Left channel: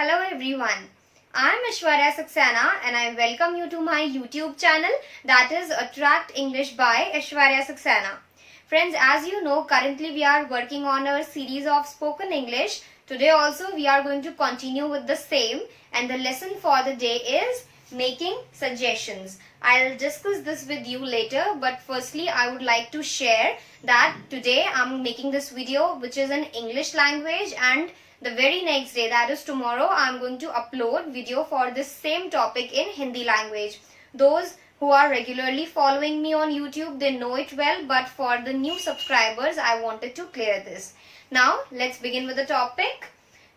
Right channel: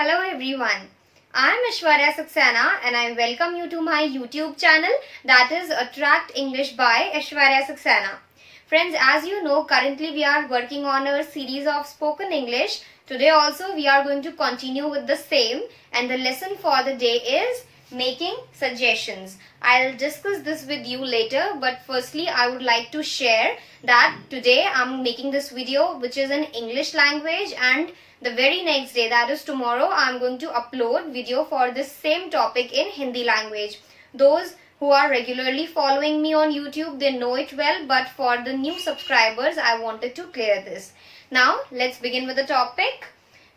Hello everyone, I am Aishwarya Saxena and I welcome you to my YouTube channel, that is Attract English by Aishwarya Saxena. Friends, as you know, currently we are working on our series of spoken English. Today also we are going to continue with the same, and the lesson for the day is making suggestions. I'll discuss this with you later, but firstly I would like to share that today I'm making this video which is in English language, and the very next day, that is tomorrow, I'm going to upload video for this same topic in Hindi language. Those who are regularly following me on YouTube, they know it well, but for the new subscribers, I wanted to clear this. Now, let's begin with the topic.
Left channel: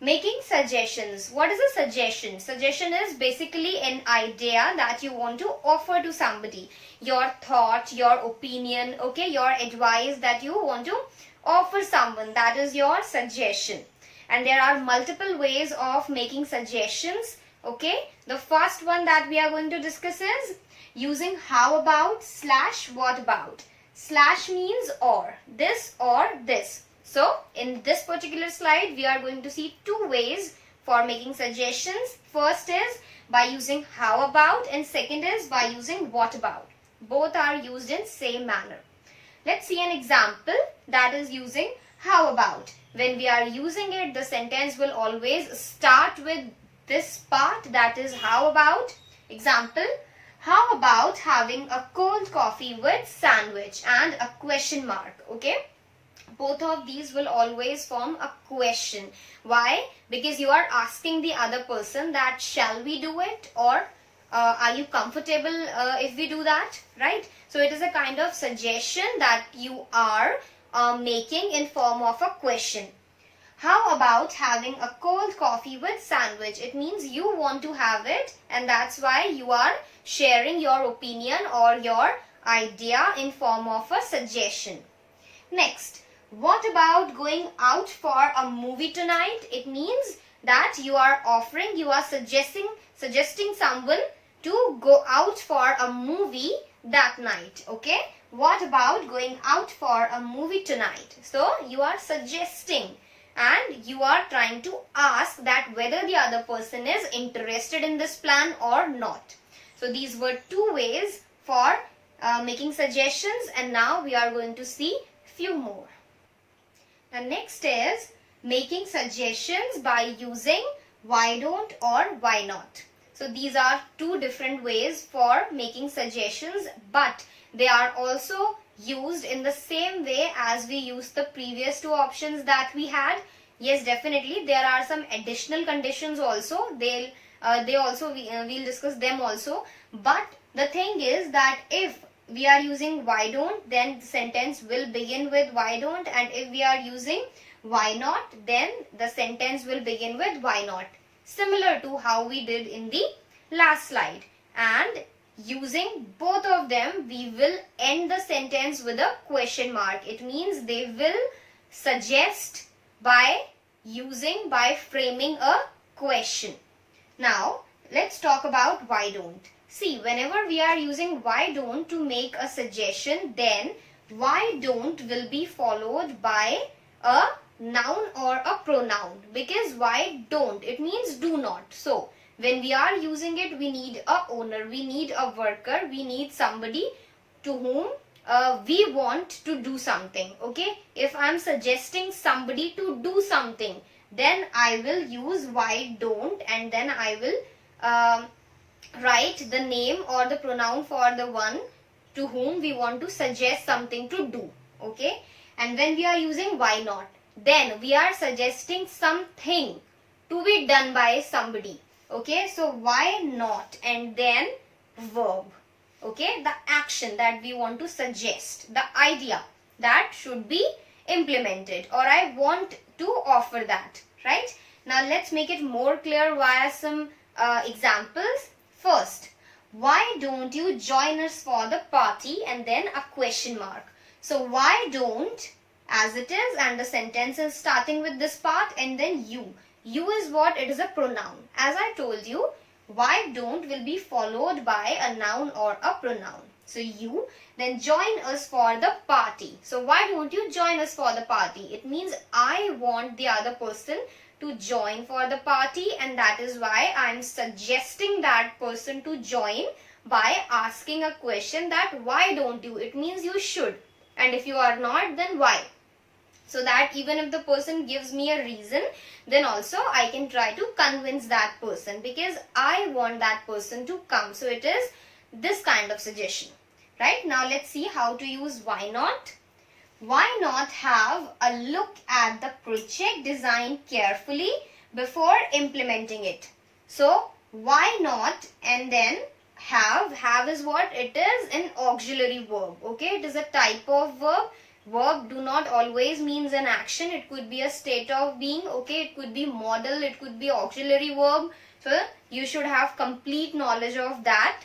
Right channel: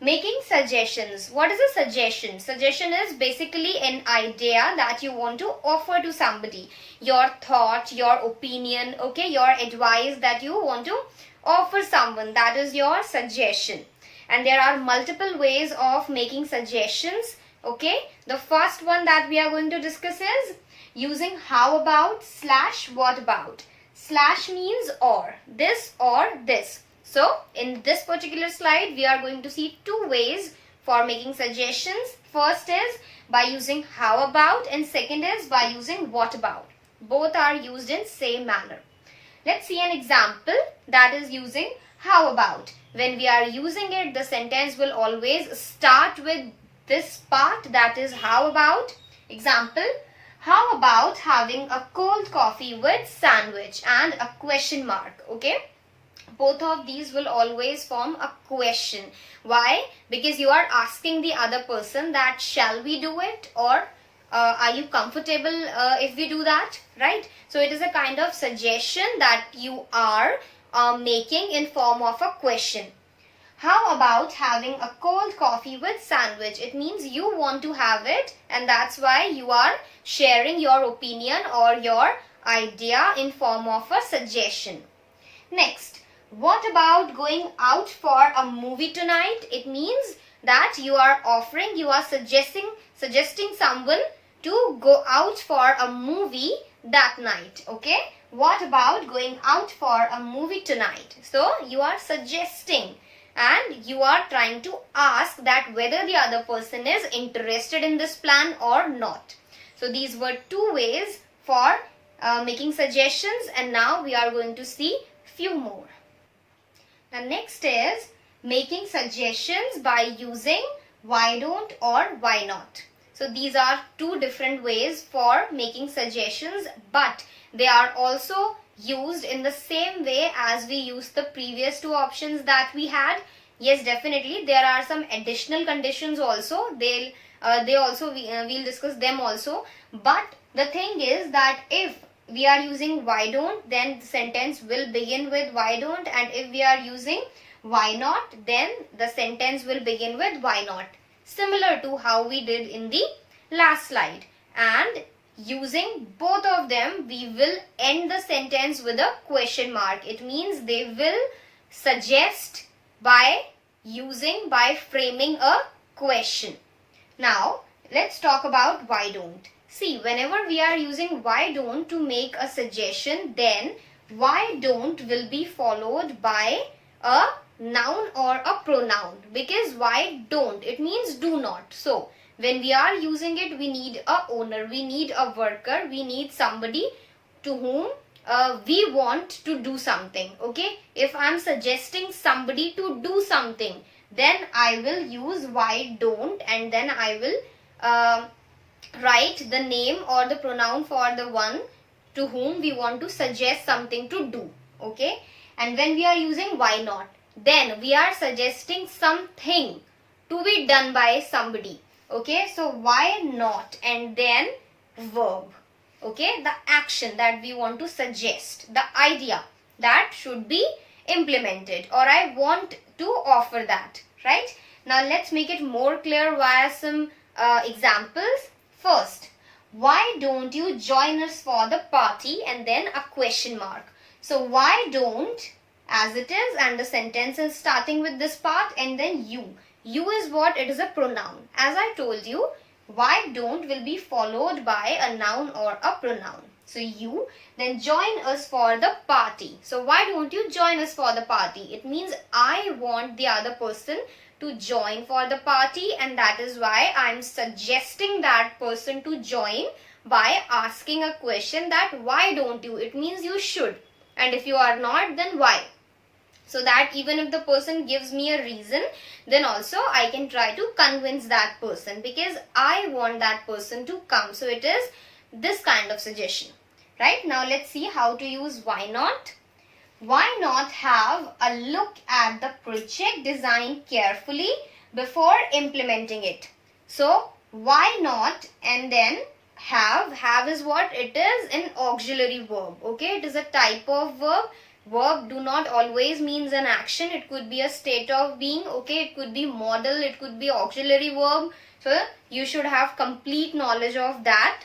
Making suggestions. What is a suggestion? Suggestion is basically an idea that you want to offer to somebody. Your thought, your opinion, okay, your advice that you want to offer someone. That is your suggestion. And there are multiple ways of making suggestions. Okay, the first one that we are going to discuss is using how about / what about. / means or, this or this. So in this particular slide we are going to see two ways for making suggestions. First is by using how about, and second is by using what about. Both are used in same manner. Let's see an example that is using how about. When we are using it, the sentence will always start with this part, that is how about. Example, how about having a cold coffee with sandwich, and a question mark. Okay, both of these will always form a question. Why? Because you are asking the other person that shall we do it, or are you comfortable if we do that, right? So it is a kind of suggestion that you are making in form of a question. How about having a cold coffee with sandwich? It means you want to have it, and that's why you are sharing your opinion or your idea in form of a suggestion. Next, what about going out for a movie tonight? It means that you are offering, you are suggesting someone to go out for a movie that night. Okay, what about going out for a movie tonight? So you are suggesting, and you are trying to ask that whether the other person is interested in this plan or not. So these were two ways for making suggestions, and now we are going to see few more. The next is making suggestions by using why don't or why not. So these are two different ways for making suggestions, but they are also used in the same way as we used the previous two options that we had. Yes, definitely there are some additional conditions also. We'll discuss them also. But the thing is that if we are using why don't, then the sentence will begin with why don't, and if we are using why not, then the sentence will begin with why not. Similar to how we did in the last slide. And using both of them, we will end the sentence with a question mark. It means they will suggest by framing a question. Now, let's talk about why don't. See, whenever we are using why don't to make a suggestion, then why don't will be followed by a noun or a pronoun. Because why don't, it means do not. So, when we are using it, we need a owner, we need a worker, we need somebody to whom we want to do something. Okay, if I am suggesting somebody to do something, then I will use why don't, and then I will write the name or the pronoun for the one to whom we want to suggest something to do. Okay, and when we are using why not, then we are suggesting something to be done by somebody. Okay, so why not, and then verb. Okay, the action that we want to suggest, the idea that should be implemented, or I want to offer that, right? Now let's make it more clear via some examples. First, why don't you join us for the party, and then a question mark. So why don't, as it is, and the sentence is starting with this part, and then you. You is what? It is a pronoun. As I told you, why don't will be followed by a noun or a pronoun. So you, then join us for the party. So why don't you join us for the party? It means I want the other person to join for the party, and that is why I am suggesting that person to join by asking a question that why don't you? It means you should, and if you are not, then why? So that even if the person gives me a reason, then also I can try to convince that person because I want that person to come. So it is this kind of suggestion. Right, now let's see how to use why not. Why not have a look at the project design carefully before implementing it? So why not, and then have is what? It is an auxiliary verb. Okay, it is a type of verb. Verb do not always means an action. It could be a state of being. Okay, it could be modal, it could be auxiliary verb. So you should have complete knowledge of that.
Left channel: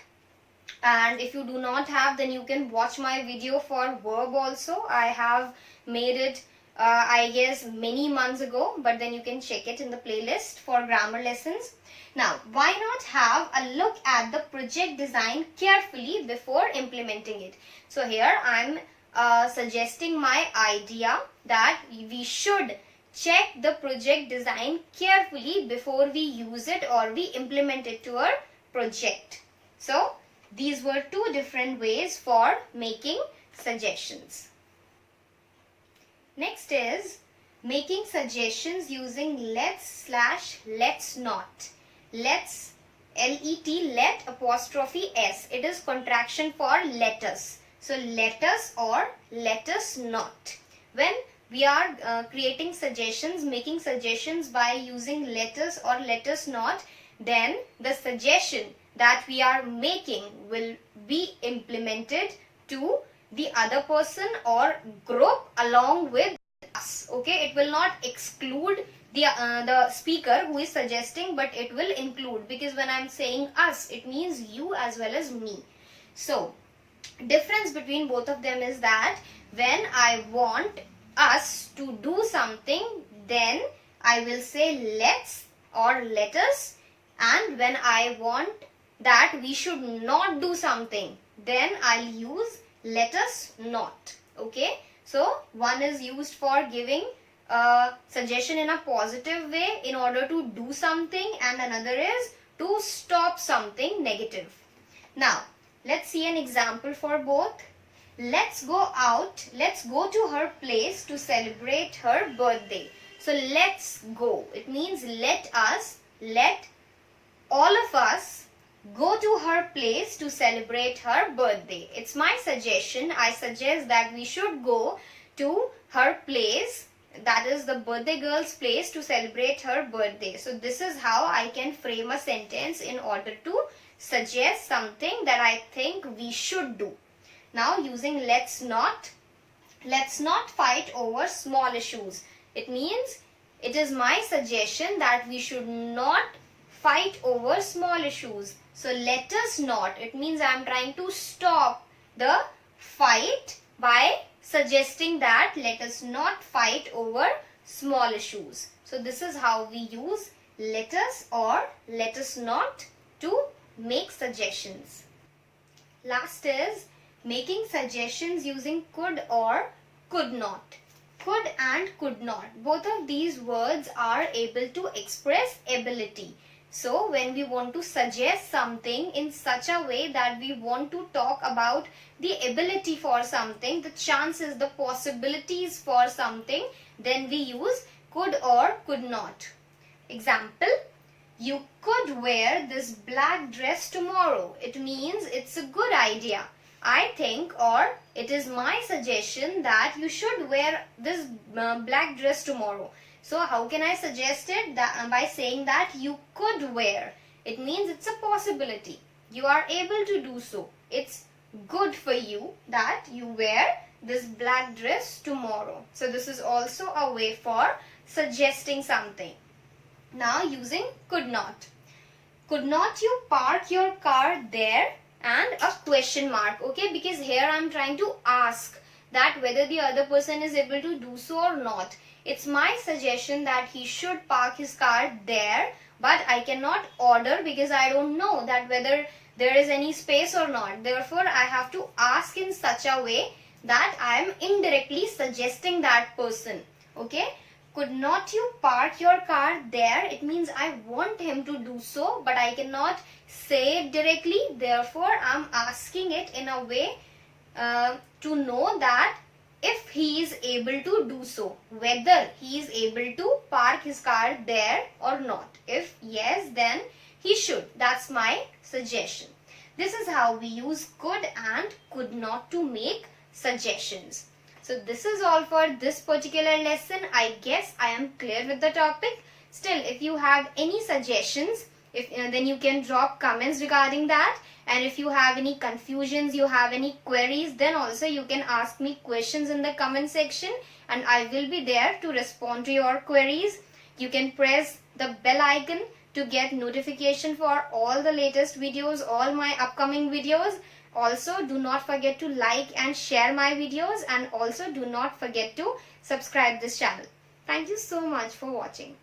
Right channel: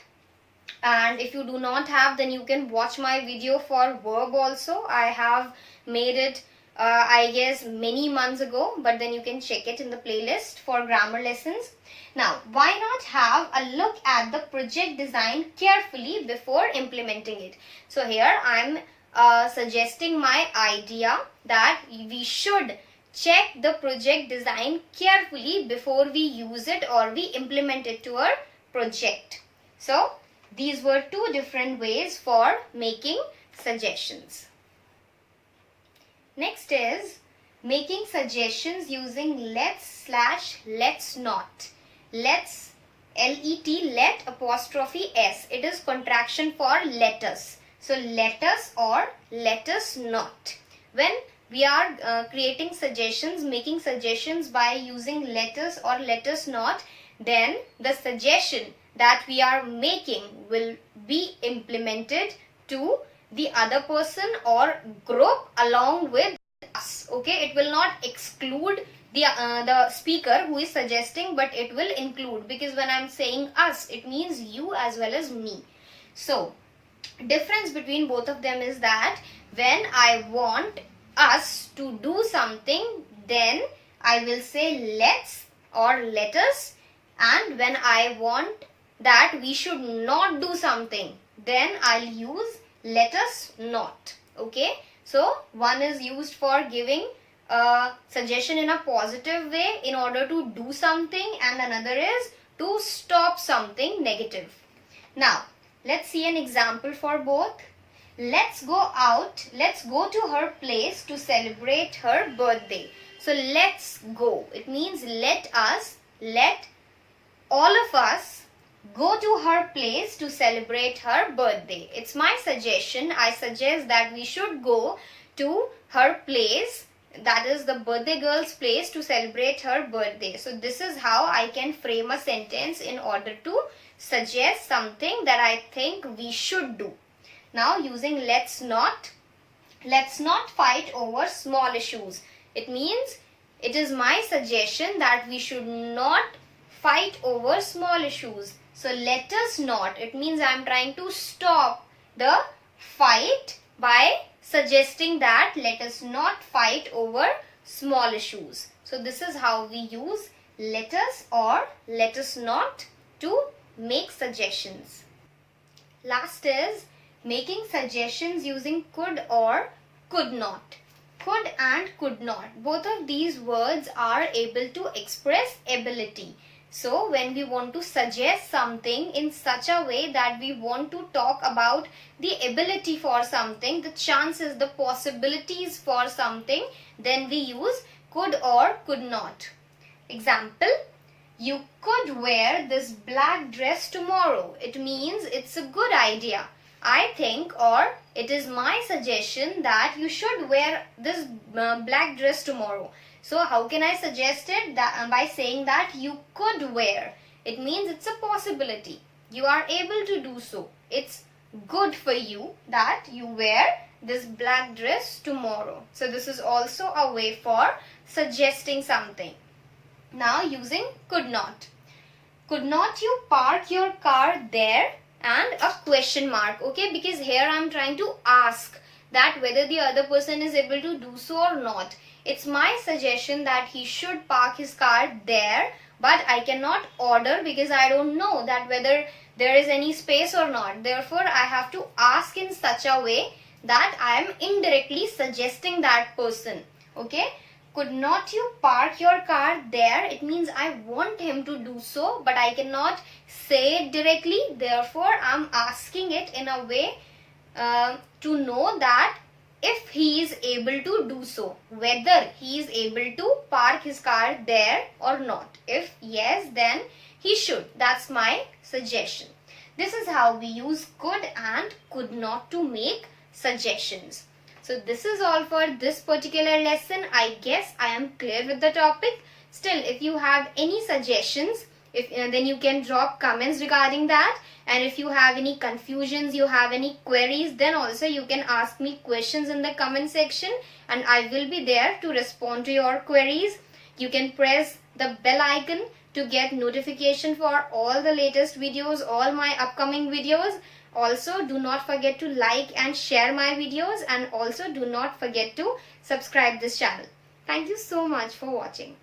And if you do not have, then you can watch my video for verb also. I have made it I guess many months ago, but then you can check it in the playlist for grammar lessons. Now, why not have a look at the project design carefully before implementing it? So here I'm suggesting my idea that we should check the project design carefully before we use it or we implement it to our project. So these were two different ways for making suggestions. Next is making suggestions using let's not. Let's, L-E-T, let apostrophe S. It is contraction for let us. So let us or let us not. When we are creating suggestions, making suggestions by using let us or let us not, then the suggestion that we are making will be implemented to the other person or group along with us. Okay, it will not exclude the speaker who is suggesting, but it will include, because when I'm saying us, it means you as well as me. So difference between both of them is that when I want us to do something, then I will say let's or let us, and when I want that we should not do something, then I'll use let us not. Okay, so one is used for giving a suggestion in a positive way in order to do something, and another is to stop something negative. Now let's see an example for both. Let's go out, let's go to her place to celebrate her birthday. So let's go, it means let us, let all of us go to her place to celebrate her birthday. It's my suggestion. I suggest that we should go to her place, that is the birthday girl's place, to celebrate her birthday. So this is how I can frame a sentence in order to suggest something that I think we should do. Now using let's not fight over small issues. It means it is my suggestion that we should not fight over small issues. So let us not, it means I am trying to stop the fight by suggesting that let us not fight over small issues. So this is how we use let us or let us not to make suggestions. Last is making suggestions using could or could not. Could and could not, both of these words are able to express ability. So when we want to suggest something in such a way that we want to talk about the ability for something, the chances, the possibilities for something, then we use could or could not. Example, you could wear this black dress tomorrow. It means it's a good idea, I think, or it is my suggestion that you should wear this black dress tomorrow. So how can I suggest it? That by saying that you could wear. It means it's a possibility. You are able to do so. It's good for you that you wear this black dress tomorrow. So this is also a way for suggesting something. Now using could not. Could not you park your car there? And a question mark. Okay, because here I am trying to ask that whether the other person is able to do so or not. It's my suggestion that he should park his car there, but I cannot order because I don't know that whether there is any space or not. Therefore, I have to ask in such a way that I am indirectly suggesting that person. Okay, could not you park your car there? It means I want him to do so, but I cannot say it directly. Therefore, I'm asking it in a way to know that if he is able to do so, whether he is able to park his car there or not. If yes, then he should. That's my suggestion. This is how we use could and could not to make suggestions. So this is all for this particular lesson. I guess I am clear with the topic. Still, if you have any suggestions, then you can drop comments regarding that. And if you have any confusions, you have any queries, then also you can ask me questions in the comment section and I will be there to respond to your queries. You can press the bell icon to get notification for all the latest videos, all my upcoming videos. Also, do not forget to like and share my videos, and also do not forget to subscribe this channel. Thank you so much for watching.